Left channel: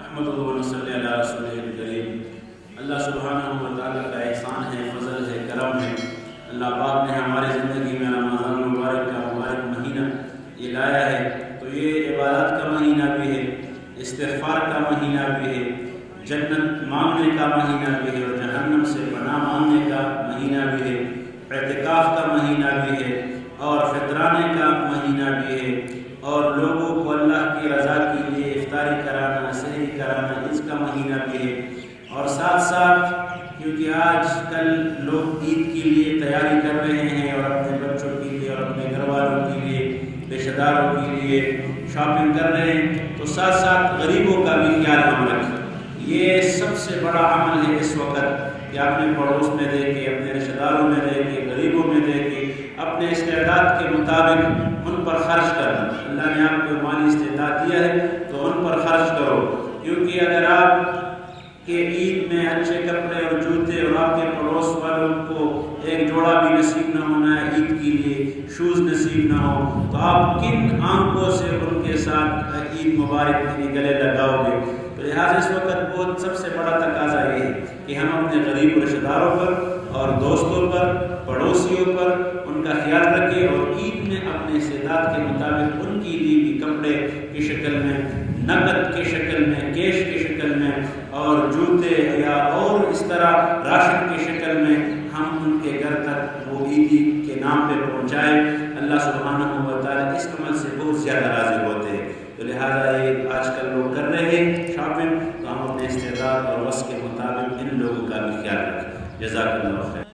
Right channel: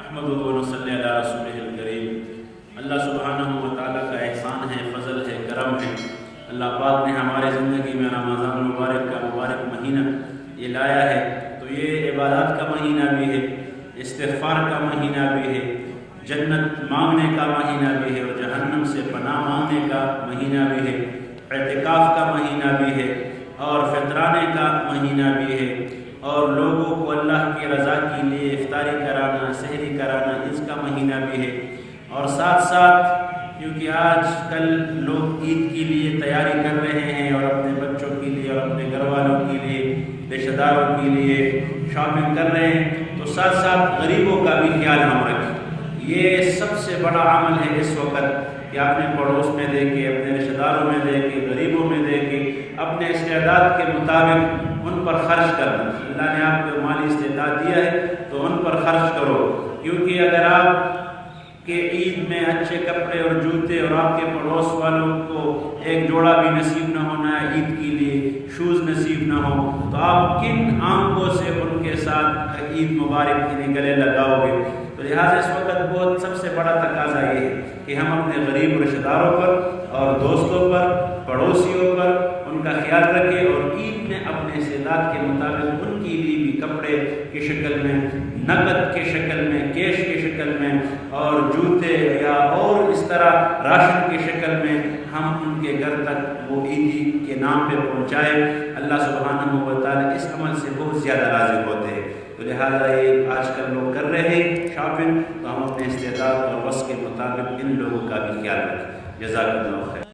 احمدہ و نصلی علی رسولہ الکریم۔ اللہ سبحانہ و تعالیٰ کا احسان ہے، فضل ہے، کرم ہے۔ اللہ پاک نے ہمارے زندگی میں رمضان المبارک کا مبارک مہینہ یہ لایا ہے، تو یہ عبادات کا مہینہ بھی ہے، استغفار کا مہینہ بھی ہے، جنت مانگنے کا مہینہ بھی ہے، اور جہنم سے پناہ مانگنے کا مہینہ بھی ہے، اعتکاف کا مہینہ بھی ہے، اور فطرانے کا مہینہ بھی ہے، اور لوگوں کو اللہ کی رضا کے لیے افطاری کرانا، سحری کرانا، اس کا مہینہ بھی ہے۔ اور ساتھ ساتھ کیونکہ آج کل لوگ عید کے لیے تیاری کر رہے ہیں، اور اپنے بچوں کے لیے اور اپنے گھر والوں کے لیے، رشتہ داروں کے لیے شاپنگ کر رہے ہیں، تو ساتھ ساتھ غریبوں کا بھی خیال ہم رکھیں۔ یہ سب سے بڑا عمل ہے اس وقت کہ اپنے پڑوس میں دے کے، اپنے رشتہ داروں میں دے کے، غریبوں میں دے کے، اپنے استعداد کے مطابق ان پر خرچ کرنا۔ اللہ نے آپ کو مالی استعداد دیا ہے تو ان پر خرچ کرو، کیونکہ اگر آپ کہ عید میں اچھے کپڑے اور جوتے اور آپ کے پڑوس والوں کو ایک جوڑا بھی نصیب نہ ہونا ہے، عید کے لیے شوز نصیب نہ ہو، تو آپ کن آنکھوں سے ان کے ساتھ عید مبارک کے گلے لگاؤ گے؟ تو لہٰذا اس وقت بہت سب سے بڑا تقاضا یہ ہے کہ ہم اپنے غریب و رشتہ داروں پر اور دوستوں پر، پڑوسیوں پر ان کا خیال رکھیں، اور عید میں اپنے استعداد کے مطابق ان کے لیے بھی کپڑے کی شکل میں، نقد کی شکل میں، کیش کی شکل میں، اور جوتے یا اور اس طرح راشن کی شکل میں ہم ان کے گھر تک وہ عیدی کے نام پہ پہنچائیں۔ اللہ سبحانہ و تعالیٰ اس عمل سے بہت زیادہ راضی ہوتے ہیں۔ تو لہٰذا یہ آج کل لوگ کر رہے ہیں شاپنگ، تو ہم اپنے استعداد اور وس کے مطابق ان لوگوں کا بھی خیال رکھیں۔ جزاک اللہ خیر۔